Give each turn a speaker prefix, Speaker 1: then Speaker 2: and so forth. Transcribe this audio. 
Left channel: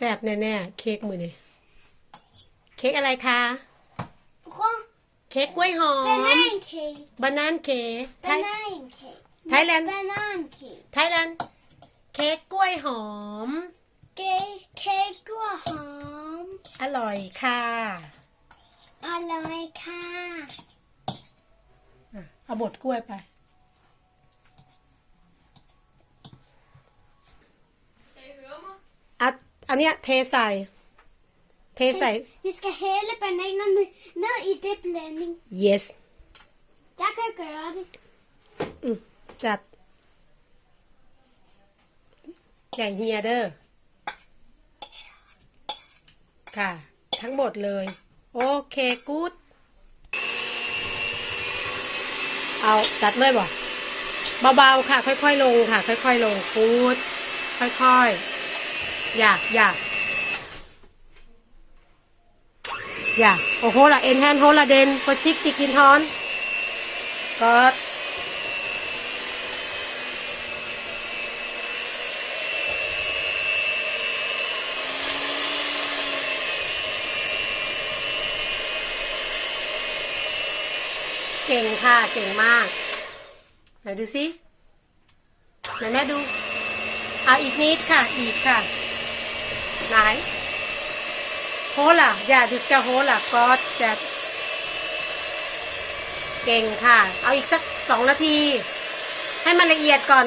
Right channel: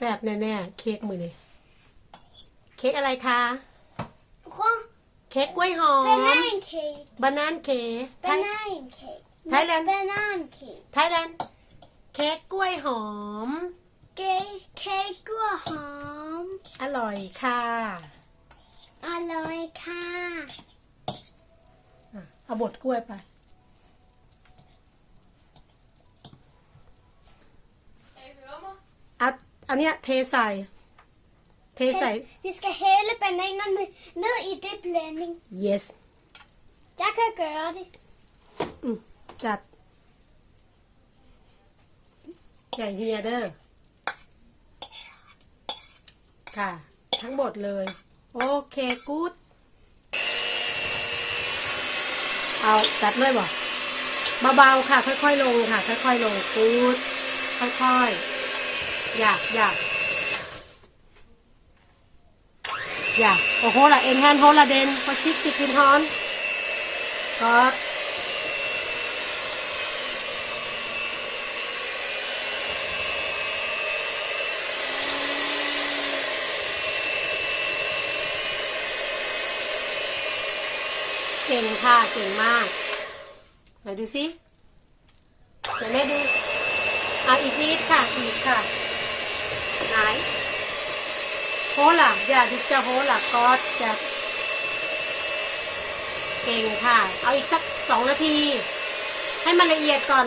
Speaker 1: ซ่บแน่ๆ เค้กมือนี่เค้กอะไรคะ
Speaker 2: Quoi
Speaker 1: เค้กกล้วยหอม
Speaker 2: Banana cake.
Speaker 1: บานานเค้กไทย
Speaker 2: Banana cake.
Speaker 1: Thailand.
Speaker 2: Banana cake.
Speaker 1: ไทยแลนด์เค้กกล้วยหอม
Speaker 2: Cake cake กล้วยหอม
Speaker 1: อร่อยค่ะ
Speaker 2: อร่อยค่ะ
Speaker 1: อะเอาบดกล้วยไป อะอันเนี้ยเทใส่ เทใส่
Speaker 2: Vi skal hælde bananerne ned i det blanding.
Speaker 1: yes
Speaker 2: Jeg kan gøre det.
Speaker 1: อืมจัดใหญ่เฮียเด้อค่ะ ทั้งหมดเลย โอเคกู๊ดเอาจัดเลยบ่เบาๆค่ะ ค่อยๆลงค่ะ ค่อยๆลงกู๊ดค่อยๆ อย่าอย่าอย่าโอ้โหละเอ็นแฮนโฮละเดนพอชิกกิกินฮอนก็เก่งค่ะ เก่งมากไหนดูสิไหนแม่ดู เอาอีกนิดค่ะ อีกค่ะ ไหน โฮล่ะอย่าดิสกาโฮล่ะก็จะเก่งค่ะ เอาอีกสักสองนาที ให้มันละเอียดก่อน